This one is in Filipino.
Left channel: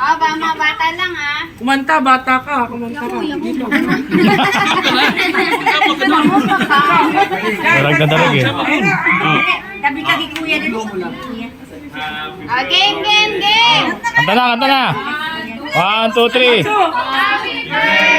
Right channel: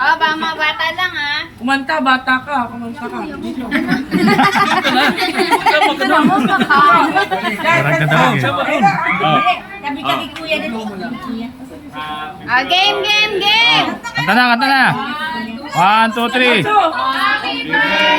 Oh, baka mga bata lang ha. Kumanta, bata ka. Kumanta ka. Dito. Darag na darag eh. Oh. Tabi-tabi kuya din. Oh, game, game, game. Kanta na, kanta na. 1, 2, 3. Happy birthday